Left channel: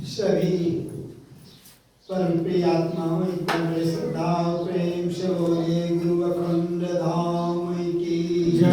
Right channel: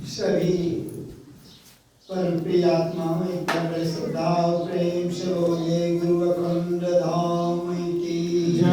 सभी परम प्रिय आत्माओं एक बड़े श्रद्धा और प्रेम से बोले गुरु अखंड धाम की जय।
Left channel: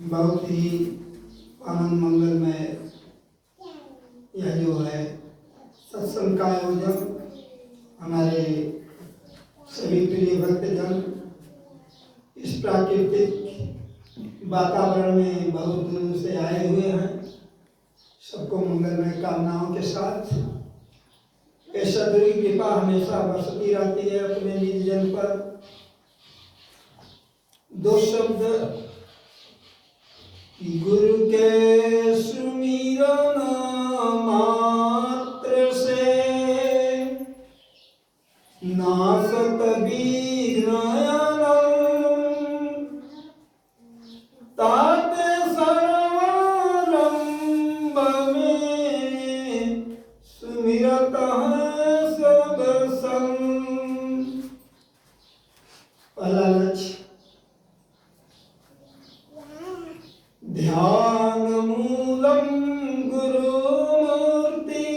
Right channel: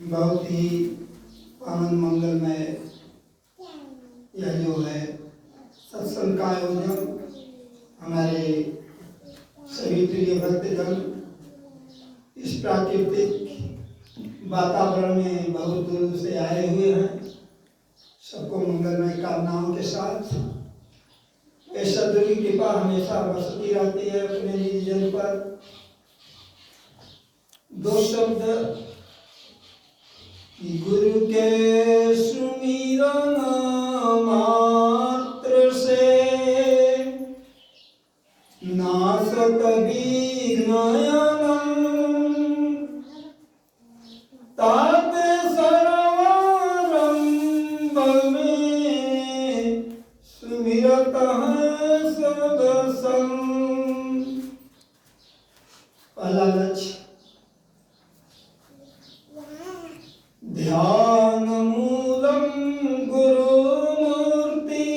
बहुत ही आनंद मंगलमय यह जो है सत्संग का आयोजन हमारे सभी प्रिय भक्तजन इस प्राकृतिक वातावरण में बहुत दूर से आए हुए हैं। सबको मंगलमय कामनाओं के साथ ऐसा सदगुरु की कृपा हमेशा बरसती रहती है अपने निज जन पर। दो शब्द गुरु के सुमिरन मात्र से नासत विघ्न ताते सर्वारंभ में सुमिरत है सब संग। पहला लक्ष्य ध्यान मूलम गुरु मूर्ति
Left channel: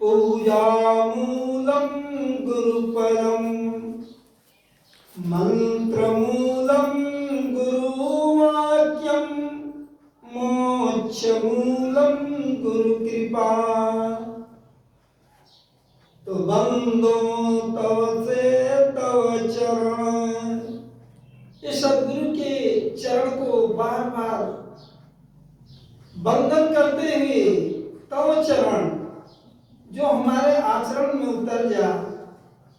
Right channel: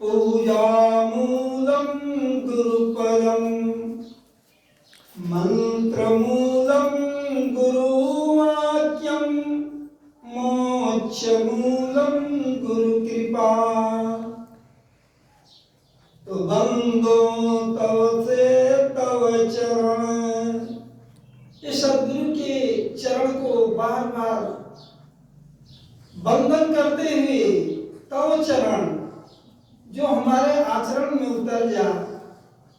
पूजा मूलम गुरु परम मंत्र मूलम गुरु वाक्यम मोक्ष मूलम गुरु कृपा। तो बंदो तव से तव चरण, इस सदगुरु के चरण को बार बार वंदन करते हुए तव चरण जो हमारे आचरण में उतर जा।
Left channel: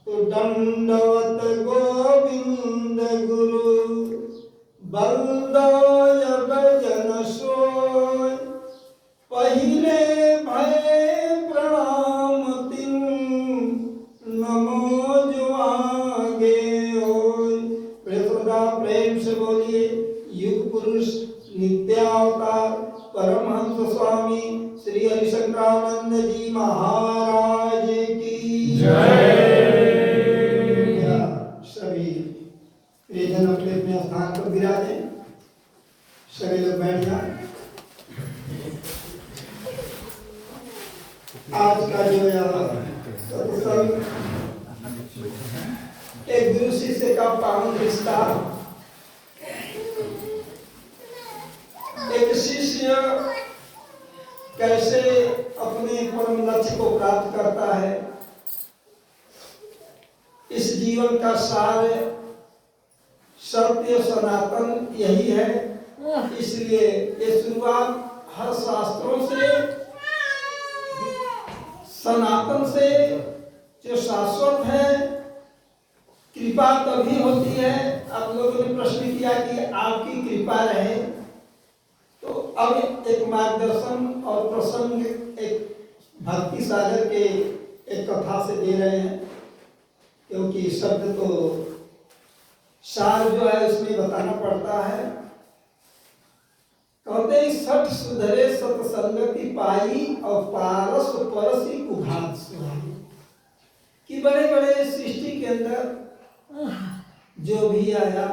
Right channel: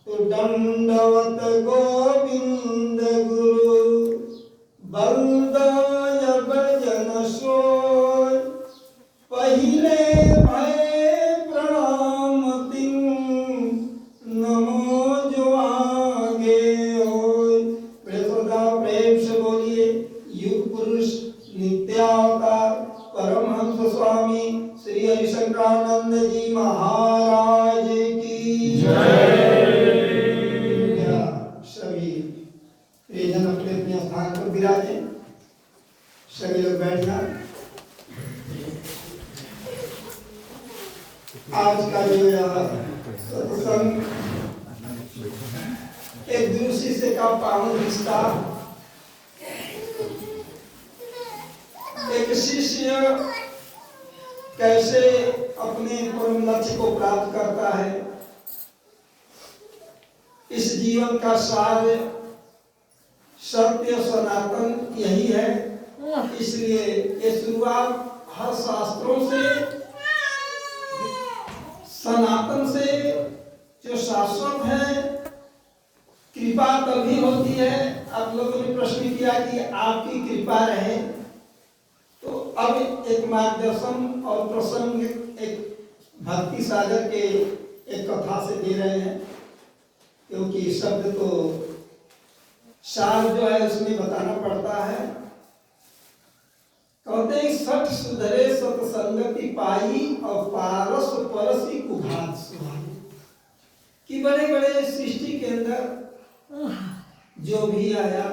तो दंडवत गोविंद गुरु बलदाय भजन सोय पहिले भय प्रणाम तिन नमो जो आगे होय। प्रेम से बोलिए युग पुरुष नित्यावतार परमहंस स्वामी श्री हरिशंकरानंद जी महाराज की जय। सभी प्रियजन अपने अपने स्थान पर विराजे। सभी लोग बैठ जाए। आज का जो सत्संग एक गुरु शिष्य का पावन रिश्ता, एक शिष्य कैसे अपने परम लक्ष्य को प्राप्त करता है, इस जीवन का सार सत्य सनातन यही है। इसलिए ये शुरुआत हर शास्त्रों से, सनातन से जो शाश्वत है। कृपा तभी होती है। आप लोगों ने प्रश्न किया कि आपकी कृपा रहे, तो अब एक मार्गदर्शन और प्रसंग एक भक्ति सागर के एक कथा से दे रहे हैं, क्योंकि शब्द तो सार जो है उसमें बताना पड़ता है। कहते हैं सठ सुधरे सतसंगति पाई और पारस परसी कुघात सुहाई। कि बड़े बड़े सृष्टि के अंदर जो भी आया,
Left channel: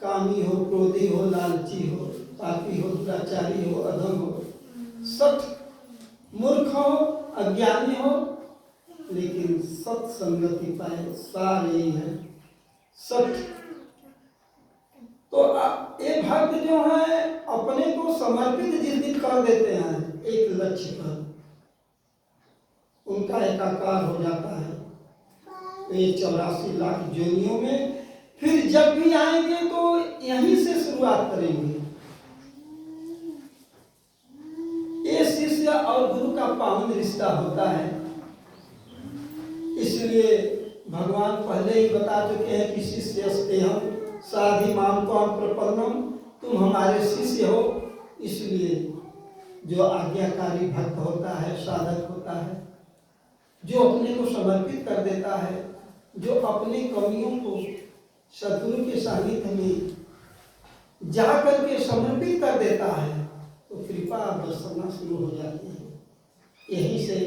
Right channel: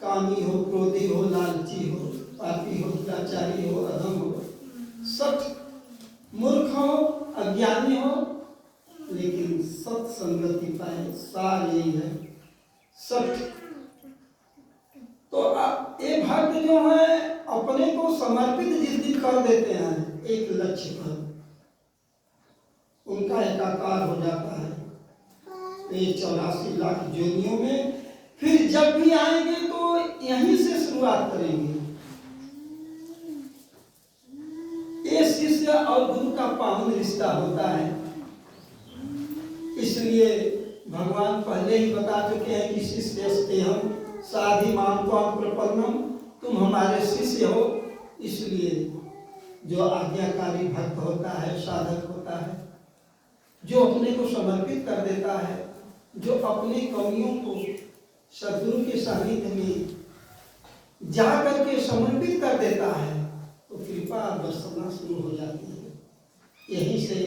कामी हो, क्रोधी हो, लालची हो, पापी हो, दुराचारी हो, अधम हो, सठ मूर्ख हो, अज्ञानी हो, लेकिन सत्संगति पाए, सार यही है सठ। तो ये भक्त जो है अपने को समर्पित जिस दिन कर देते हैं एक लक्ष्य पर, उनका एकाकार हो जाता है। ये 84 लाख जोनियों में फिर जब भी आएंगे तो यहीं से शुरुआत करेंगे। ये शिष्य और गुरु का पावन रिश्ता होता है। इसलिए भगवान पहले ही बता चुके हैं कि शिष्य हम साधि माम त्वाम प्रपन्नम, तुम हमारे शिष्य हो। इसलिए जो आज्ञाकारी भक्त होता है, साधक होता है, जो अपने को समर्पित कर देता है, जो अपनी कमियों को सद्गुरु के सानिध्य में जा करके समर्पित कर देता है, तो कृपा बरसना शुरू हो जाती है। यही से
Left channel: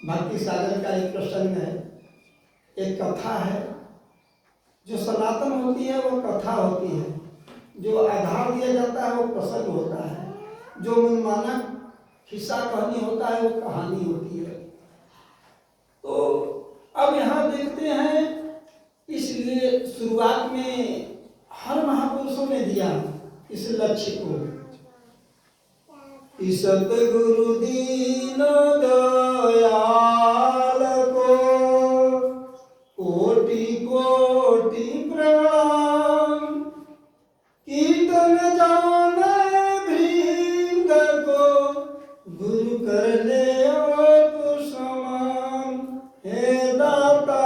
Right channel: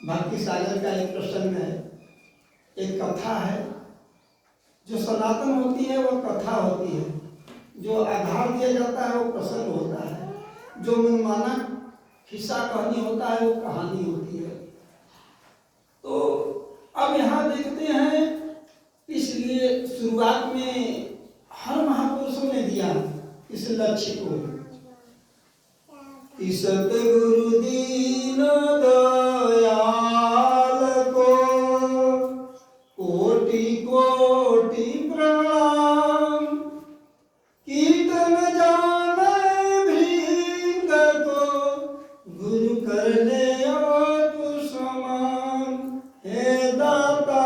भक्ति सागर का एक प्रसंग है, एक कथा है जो सनातन होती है, वो कथा होती है। जो आधार दिया जाता है वो प्रसंग होता है, जो मनमाना किस्सा कहानी होता है वो कहानी होती है। तो अब यहाँ देखते हैं, इसलिए शुरुआत में हर महापुरुषों ने दिया इस लक्ष्य को कि सतगुरु दीन दयाल को कोटि कोटि प्रणाम, कीर्तन जाने भृंग को गुरु कर ले आप समान, हे दाता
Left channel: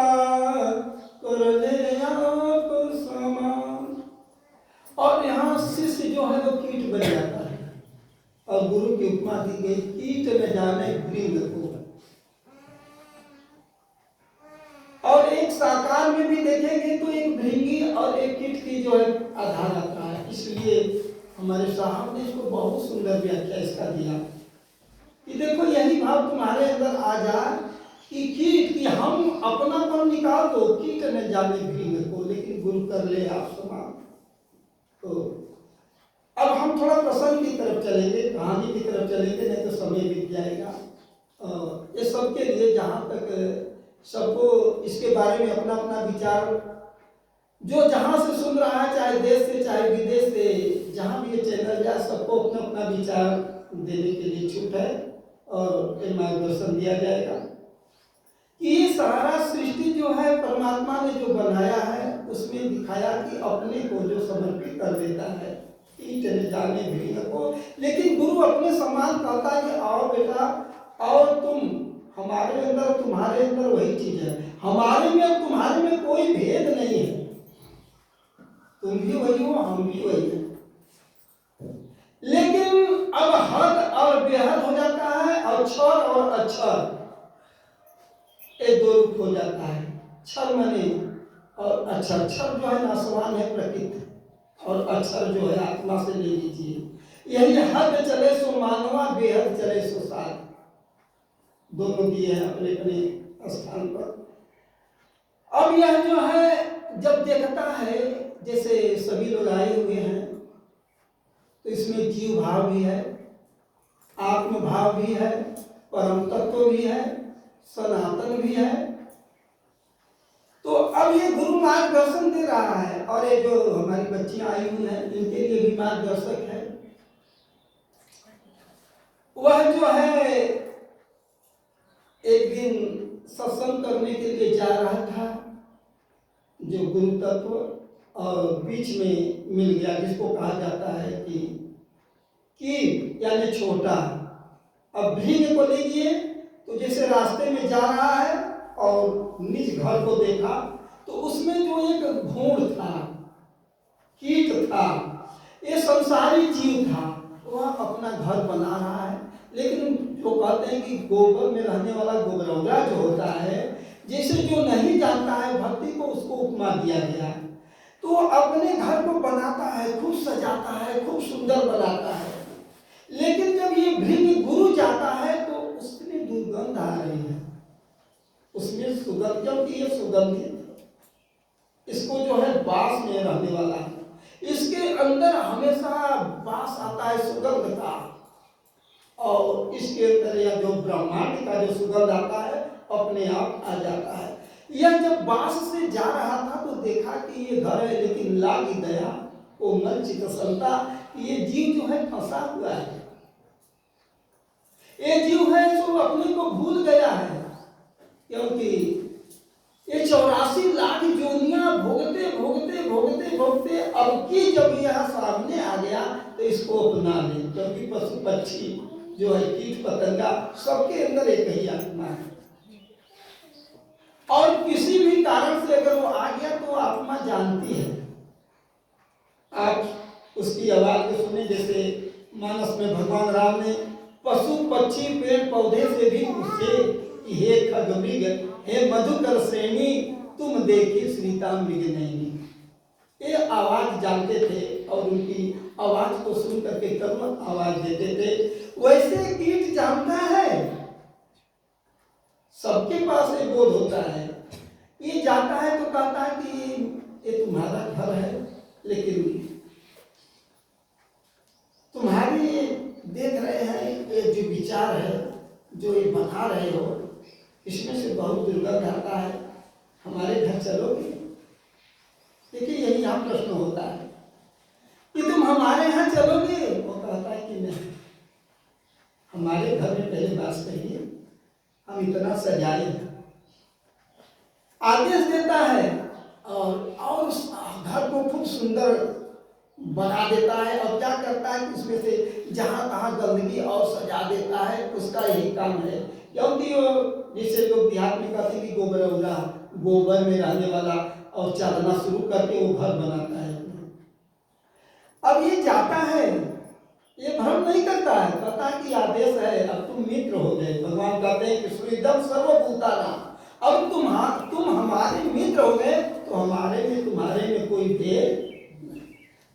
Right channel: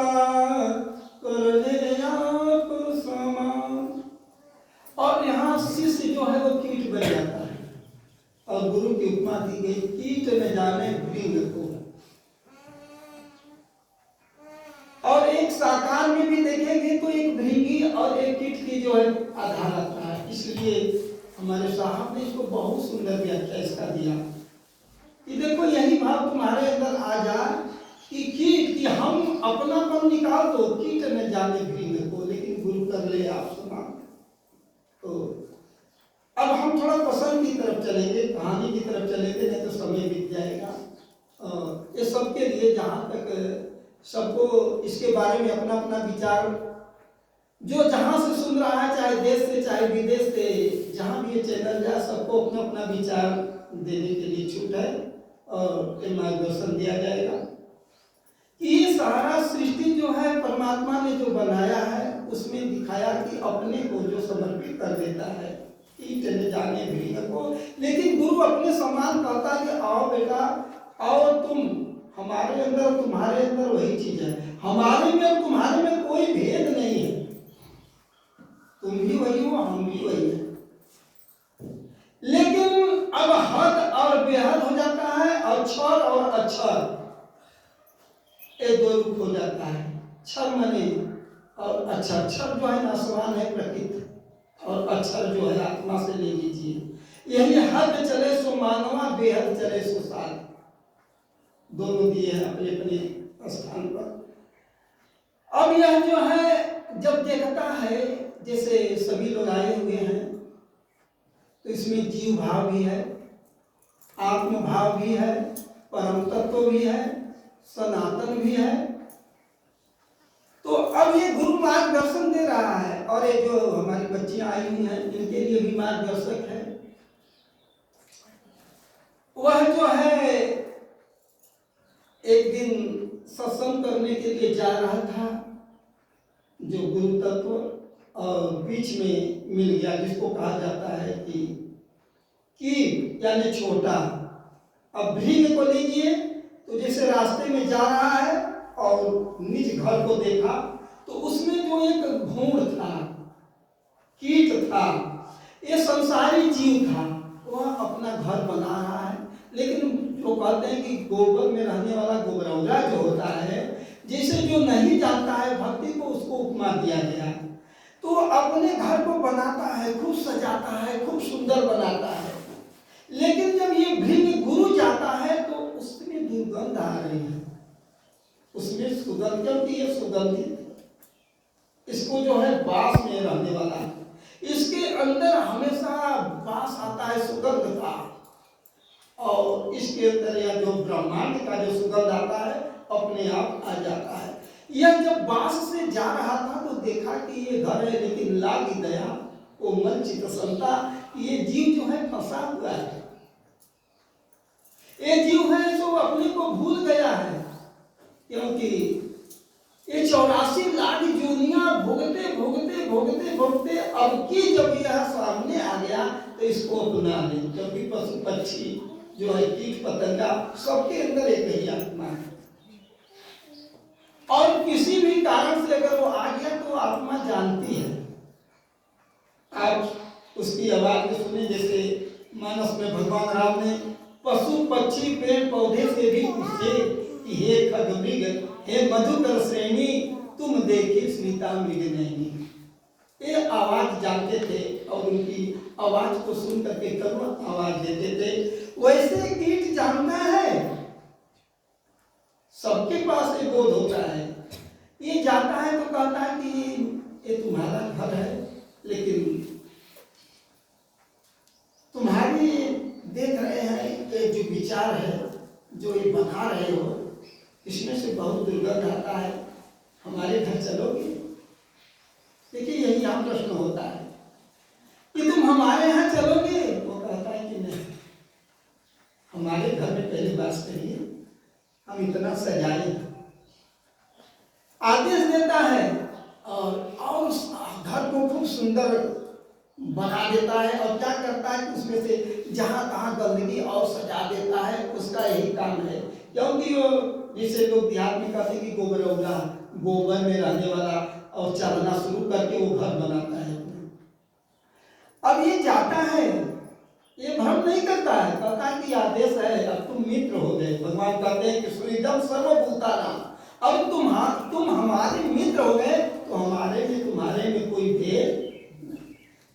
कर ले आप समान। और यहाँ शिष्य जो है वो कीट बन जाता है और गुरु की उपमा दी गई, कीट न जाने भृंग को। और एक साकार में भी देखेंगे तो एक भृंगी और एक कीट की जो है आधार आता है। इसलिए हमारे साहब ने इसको बहुत सुंदर व्याख्या इसका दिया कि देखो यही भाव तुम्हारे अंदर आ जाए कि कीट की हम अपनापन निकाल दो, कीट न जाने भृंग को, लेकिन गुरु कर ले आप समान। तो अब हम थोड़ा प्रसंग की तरफ चलेंगे, कहानी की तरफ चलेंगे, नहीं तो समय बीत जाएगा। ये सबके लिए जहाँ तक सबको इसके बारे में अपना अपना विचार, जो जहाँ से सुन रहा है, चाहे देश से चाहे विदेश से, जहाँ भी ये चैनल जाए, सबको अपना अपना विचार देने के लिए छूट है और मार्गदर्शन दिया जाएगा कि ये सारा सृष्टि जो है परमात्मा ने जो बनाया है उसमें दिखाया कि अपने को जो समर्पित कर देता है, कीट न जाने भृंग को, लेकिन गुरु अपने समान कहता है कि आओ बेटा आओ, तुम हमारे अंदर तुम्हारे अंदर वही चीज है, हमारे में और तुम्हारे में कोई भेद नहीं है, तुम भी वही हो हम भी वही है। लेकिन अब हद और बेहद हो जाता है, अक्षर और अक्षर ये दो रूप हो जाता है। क्षर माने और अक्षर, क्षर जो है नाशवान है प्रकृति, और अक्षर जो है आत्मा से ले लीजिए। यही हद चले सो मानवा, बेहद चले सो साध, दोनों दिए हैं अपने अपने स्थान पर। अब यह जो है जब देखता है, जैसे सभी लोग आए हुए हैं, तो इसमें जीव भाव भी है, आत्म भाव भी है, परम तत्व भी है, सनातन भी है। तो अब ये गुरु मार्गदर्शन दे रहा है, और ये जो हमारी बच्चियां आई हुई हैं इनके लिए भी मार्गदर्शक है। वह जो है एक दिन सत्संग करने के लिए जा रहा था, जो गुरु तत्व, और बीच में मिल गया जिसको कहा जाता है कि यानी छोटा। अब भृंग को लीजिए तो जैसे रास्ते में जा रहा है और निज घर को देखा तो उसमें जो एक भूण था, कीट था, ये संसारी जीव था, वह अपना घर बना रहा है। लेकिन जो कहते हैं कि गोबर में रहने वाला गोबरौरा जो होता है, जैसे जो नहीं जानता है भक्ति को, उसको उपमा दिया गया है। तो अपने घर को बनाता है, खूब सजाता है, खूब सुंदर बनाता है। लेकिन जब ये भृंग गुरु जाता है तो उसमें दुर्गंध आ रही है, उसमें सुगंध, जबकि ये सुगंधित, इसको जो है बास में रहने वाला है, इसके अंदर हमेशा बास आता है सुगंध का, और इसके अंदर या जो ब्रह्मांड का जो सुगंध आता है अपने आप आ जाता है। यह जब बास से जा रहा था तो देखा कि ये घर है, लेकिन लागी दया कोमल चितसलता, ये जीव जो है फंसा हुआ है, ये जीव है जो अपने को भूल गया है, क्योंकि ये 84 लाख जोनियां भोगते भोगते भोगते भोगते अब की जब यह सामने आ गया तो इसको अपना ले, क्योंकि पशु पक्षी जो है, कीट पतंगा, सबके अंदर एक ही आत्मा है, और किसी भी कारण से अगर वो आ गया तो आत्मा जानती है। आप उसकी आवाज को सुने, जैसे मानस में भगवान राम ने पशु पक्षी पेड़ पौधे से भी पूछे कि हे खगमृग, हे मधुकर श्रेणी, तुम देखे सीता मृग नहीं। ये आवाज जानते थे और उनकी आवाज को सुन करके कर्म आवाज देते थे। वैसे कीट जानता है, सबके पास ये बोध होता है, ये जाता है तो कहता है कि ये तुम्हारा घर है, लेकिन विचार है जो ये बना रहे हो, इसमें से बहुत दुर्गंध आता है, हमारे घर चलोगे? देखिए यही यहाँ प्रश्न होता है कि तुम हमारे यहाँ चलोगे? वो कहता है कि नहीं, हमारे घर में पहले बात करिए, हम इतना सजाए। आदेश देता है और उस घर को खूब सुंदर बना देता है। और क्या करता है कि उसमें से जहाँ तहाँ गंदगी और सजा देता है, उसका यही काम है। क्योंकि वो जैसे लोग देहात में कहते हैं कि गोबरौला, गोबर में रहने वाला, और चलना शुरू करके वो घर बनाता है। अब ये जाता है, ये भ्रम नहीं करता है, कहता है कि आदेश है, अब तुम मित्र हो गए। भगवान कहते हैं कि सुहृदम सर्वभूतानां, अब तुम हमारे मित्र हो गए, तो हमारे में तुम्हारे में कोई भेद।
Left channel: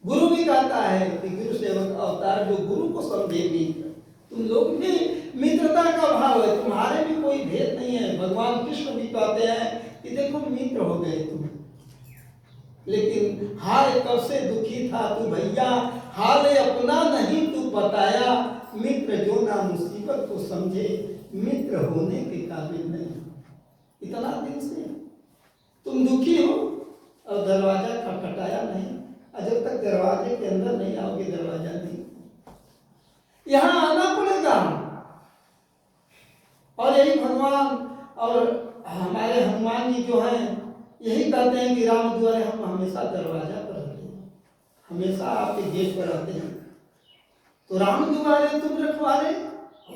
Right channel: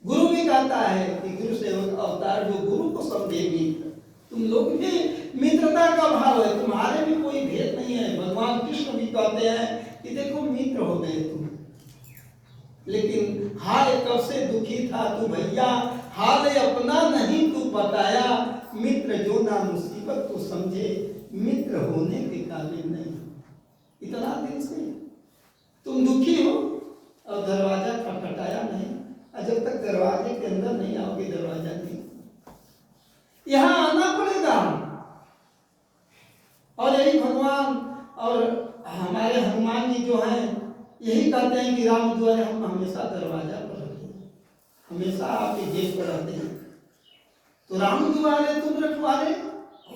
गुरु भी कहता है कि गुरु सेवक अवतार जो गुरु को समझे मित्र, तुम लोग भी मित्रता का भाव है, तुम्हारे में कोई भेद नहीं है। भगवान कृष्ण भी कहते हैं कि देखो मित्र हो गए तुम, लेकिन हाय कब से दुखी था तू भैया, हाल अपना नहीं तू बताया, मित्र जो ना मुसीबत को समझे, मित्र होने के काबिल नहीं। इतना दिन से तुम दुखी हो और दरवाजा खटखटाया नहीं, और जब तक दरवाजे के अंदर नहीं आओगे दरवाजा नहीं, यहां आना पड़ेगा। और यही भगवान और हमारे हनुमान जी जो हैं यही कहते हैं कि राम द्वारे हम हमेशा दरवाजा पर रहते हैं, हमेशा आपके गेट पर रहते हैं। तो राम द्वारे तुम रखवारे,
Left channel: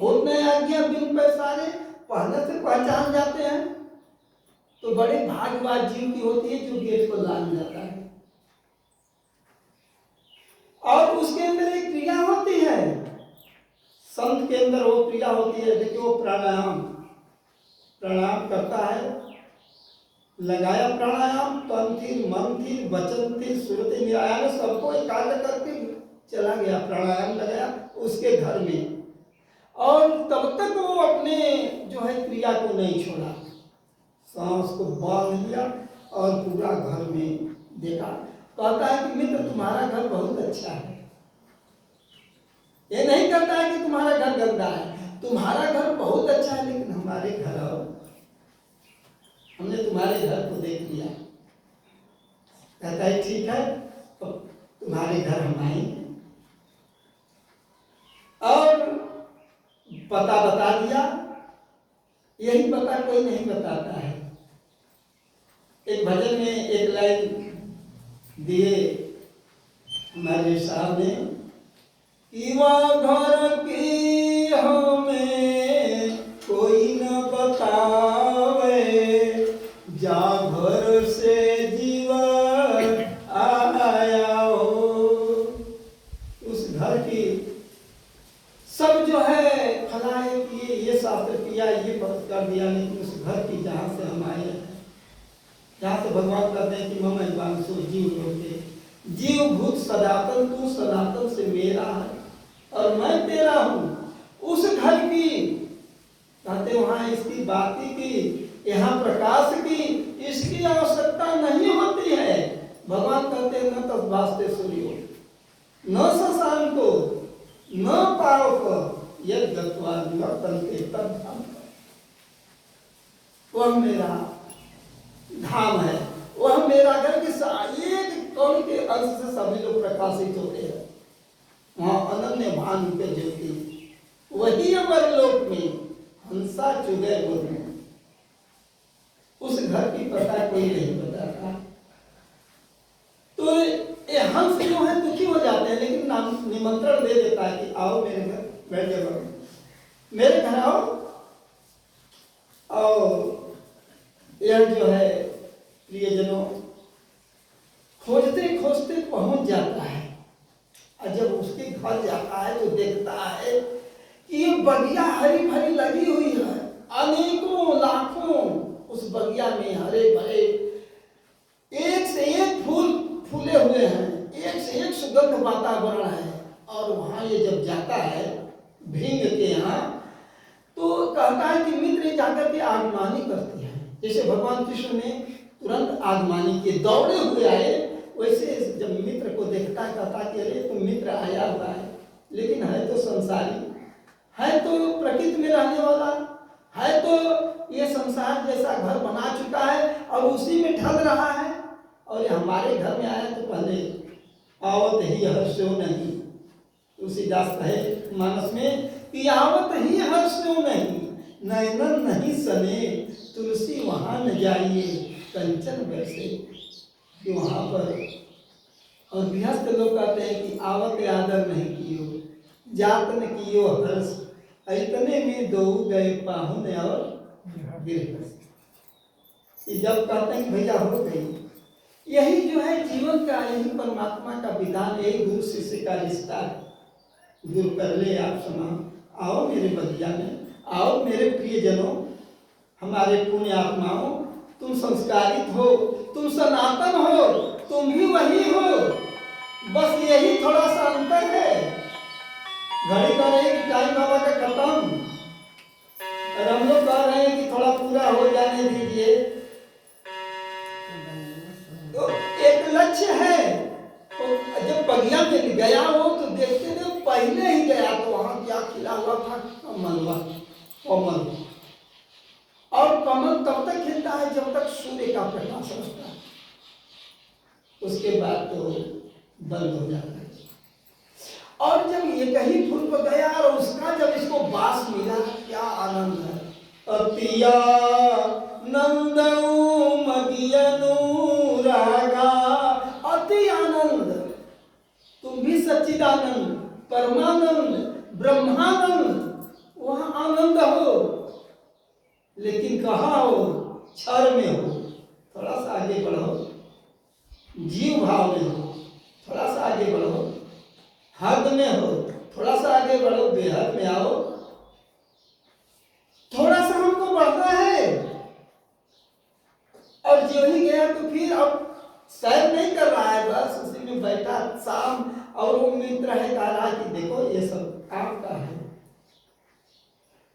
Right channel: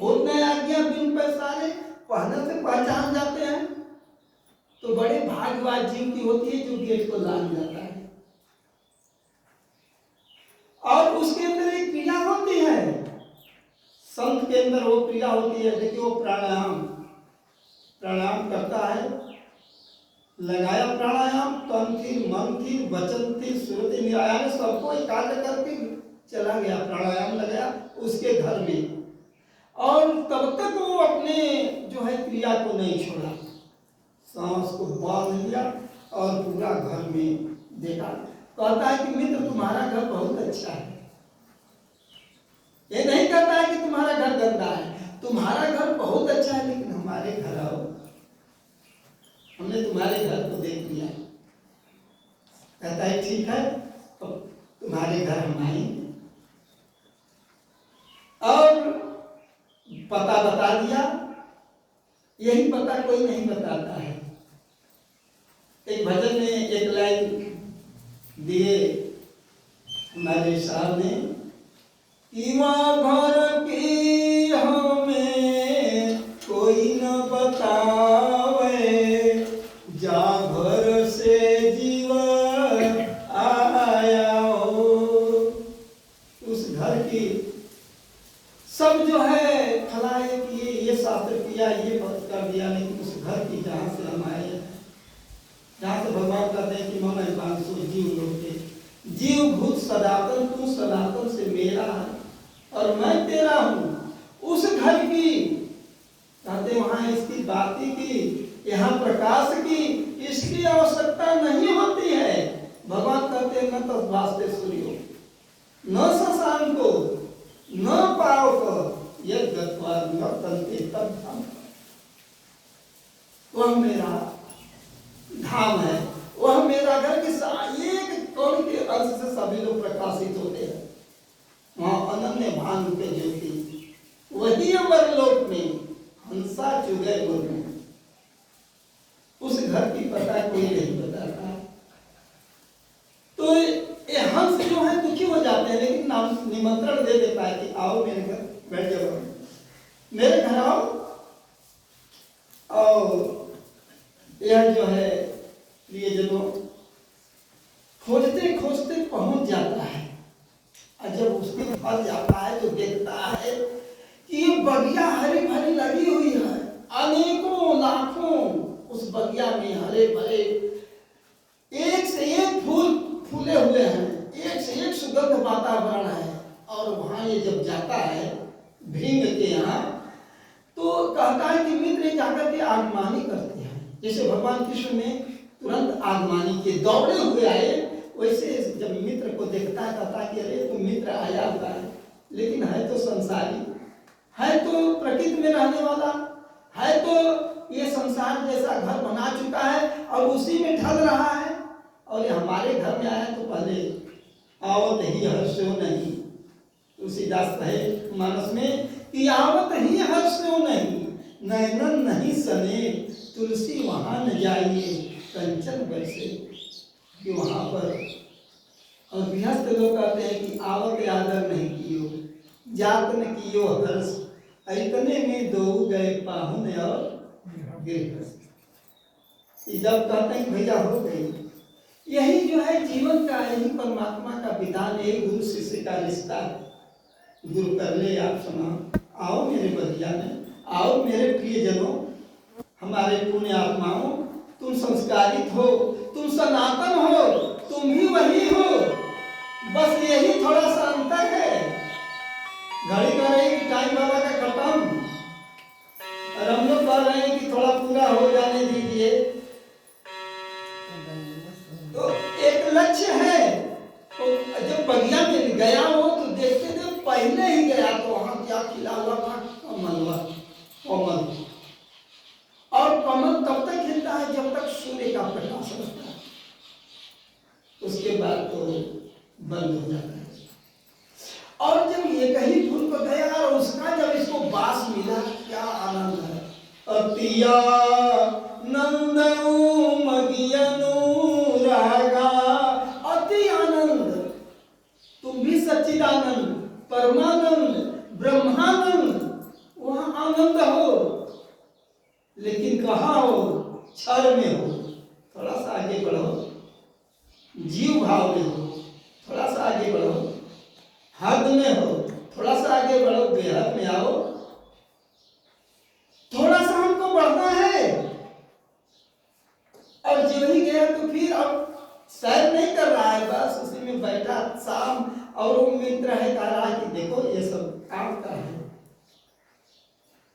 होत न आज्ञा बिन पैसारे, पहले से पहचान जाते हैं। तो बड़े भाग्यवान जीव की होती है जो गेट को लांग जाता है। और उसके अंदर एक क्रिया होती है, संत के अंदर वो क्रिया होती है। देखिए वो प्राणायाम करता है, लगाया प्राणायाम, तन थी, मन थी, वचन थी, सुरति निराया ने सबको एकाग्र करके चला गया, प्राणायाम लगाया उसके घर में। और तब तक वो अपने जो है क्रिया को नहीं छोड़ा, सांस को बांध लिया और पूरा घर में देखा। कहता है कि मित्र तुम्हारा घर बहुत अच्छा है। ये नहीं कहता है कि तुम्हारा घर गंदा है, तुम्हारा घर बहुत अच्छा है, लेकिन हमारे घर आओ, हमने तुम्हारे घर को देख लिया। कहता है ठीक है, तो तुम्हारे घर हम आएंगे। और पता बता दिया, यही पता कोई नहीं बताता है। एक भजन में एक लाइन दिए हमारे साहब ने, घर की हमें कोई न बतावे, जा घर से जीवन आया हो। उस घर की सब जो है फलाए किए, ये शास्त्र किया, ये व्रत कर दिया, लेकिन उस घर की जहाँ से हम आए, जहाँ से भगवान कहते हैं कि मम वांसो जीव लोके, जीव भूत सनातन, तू सनातन से मेरा है और मैं तेरा हूँ। उस घर की कहते वहाँ इसकी बाती की, यहाँ प्रकाश की, इसकी आवश्यकता नहीं होती है। भगवान कहते हैं न तद वास्ते सूर्यो न शशांको न पावक यद गत्वा नर्तन्ते तद धाम। वह मेरा धाम है, वह मेरा घर के एक कण के अंश से सभी लोग प्रकाशित होते हैं। वहाँ अनन्य भान के ज्योति, वही अमरलोक में हंसा चुगे बोलने। उस घर की पता कोई नहीं बताता। तो ये हंस जो है दुखी हो जाते हैं, लेकिन निमंत्रण दे देता है कि आओ मेरे घर बैठ जाओ, मेरे घर आओ। और यह जो है प्रियजनों खोजते खोजते पहुंच जाता है, और जब उसके घर जाता है तो देखता है कि ये बगिया हरी भरी लगी हुई है, अनेकों लाखों उस बगिया में हरे भरे एक से एक फूल फूले हुए हैं, एक से एक सुगंध वातावरण है। और वहां ये जब जाता है भृंग के यहाँ, तो कहता है कि मित्र जाकर के आगमानी करते हैं। जैसे भगवान कृष्ण ने तुरंत आगमानी के दौड़े हुए आए, वैसे जब मित्र को देखता है कहता है कि अरे तुम मित्र आया हुआ है, लेकिन है तो संसारी, है तो प्रकृति में रहने वाला, है तो ये संसार जैसा घर बना चुका है और उसी में ढल रहा है। और ये हमारे घर में आया तो पहले आवत ही हर्षो नहीं, तुलसीदास कहे मानस में कि आवत ही हर्षो नहीं, नैनन नहीं सने, तुलसी वहां न जाइए कंचन वैसे। कि वहां पर और गृहस्थ लोग कहते हैं कि आवत आदर नहीं कियो, जात न कियो हर्ष, इतने में दो गए पाहुन और गृहस्थ। जब कहते हैं भैया हो गई, यही जो है जीवन का, यही परमात्मा का विधान, एक गुरु शिष्य का रिश्ता है। गुरु कर ले आप सुना, आओ मेरे बगिया में, आओ मेरे प्रियजनों, हमारे पुण्य आत्माओं, तुम संस्कारित हो, तुम सनातन हो, तुम भी वही हो, बस यही थोड़ा सा अंतर है। घड़ी कह रही कि टाइम बाबा का खत्म, और हम लोग कह रहे हैं कि थोड़ा पूरा हो जाने दीजिए। तो एक लक्ष्य है, तो जब बगिया में गया हो तो देखते थे पहले ही गया तो वहां क्या खिला हुआ था, कमलवा कमल। और कमल तब तक खिलता है जब तक सूर्य का प्रकाश रहता है, उसके बाद तो बंद हो जाता है। और जब ये कहीं फूल पर गया और उसका जब इसको बास मिला, क्या आनंद है। अतिया नंदऊ मगियनु रागा, अति आनंद। तुम भी सच्चिदानंद, परमानंद, ब्रह्मानंद, वहां आनंद हो, लेकिन कहाँ हो, क्षर में हो। थोड़ा सा आगे बढ़ो, जीव भाव में हो, थोड़ा सा आगे बढ़ो, हद में हो, थोड़ा सा आगे बढ़ो, बेहद में आओ। थोड़ा सा हमको बढ़ना है, और जो ही गया तो फिर अब सैर नहीं कर रहा है, बस उसी में बैठा शाम। और वो मित्र है कह रहा है कि देखो ये सब आपका है,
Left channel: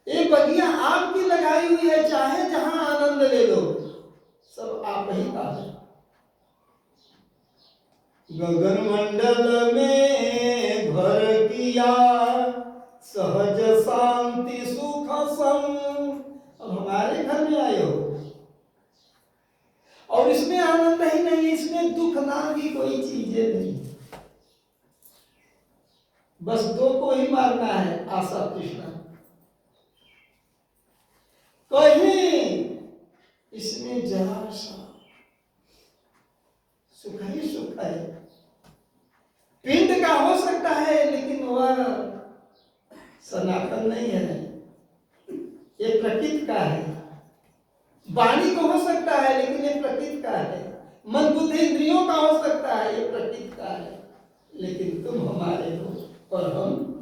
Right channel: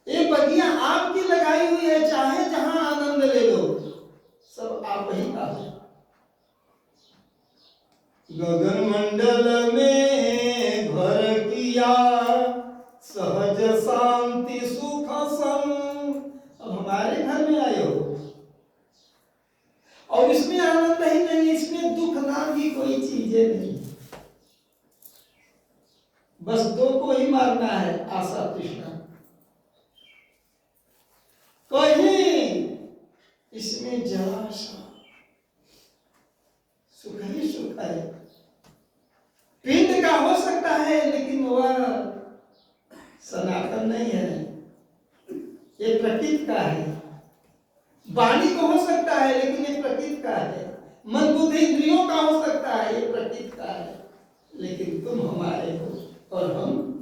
ये बगिया आपकी लगाई हुई है, चाहे जहां आनंद ले लो, सब आप ही का है। गगन मंडल में भर किया सहज शांति सुख संग। अब हमारे घर में आए हो और इसमें आनंद ही नहीं, इसमें दुख नाम की कोई चीजें नहीं, बस दो को ही मारना है, आशा तृष्णा। कहीं इसमें जरा सा सुख ही सुख है। पिंड का हो सकता है लेकिन वह सनातन नहीं है, ये प्रकृति का है। वाणी को हो सकता है लेकिन ये प्रकृति का है। मन बुद्धि इंद्रियों का हो सकता है, ये प्रकृति का है, लेकिन तुम हमारे हो और हम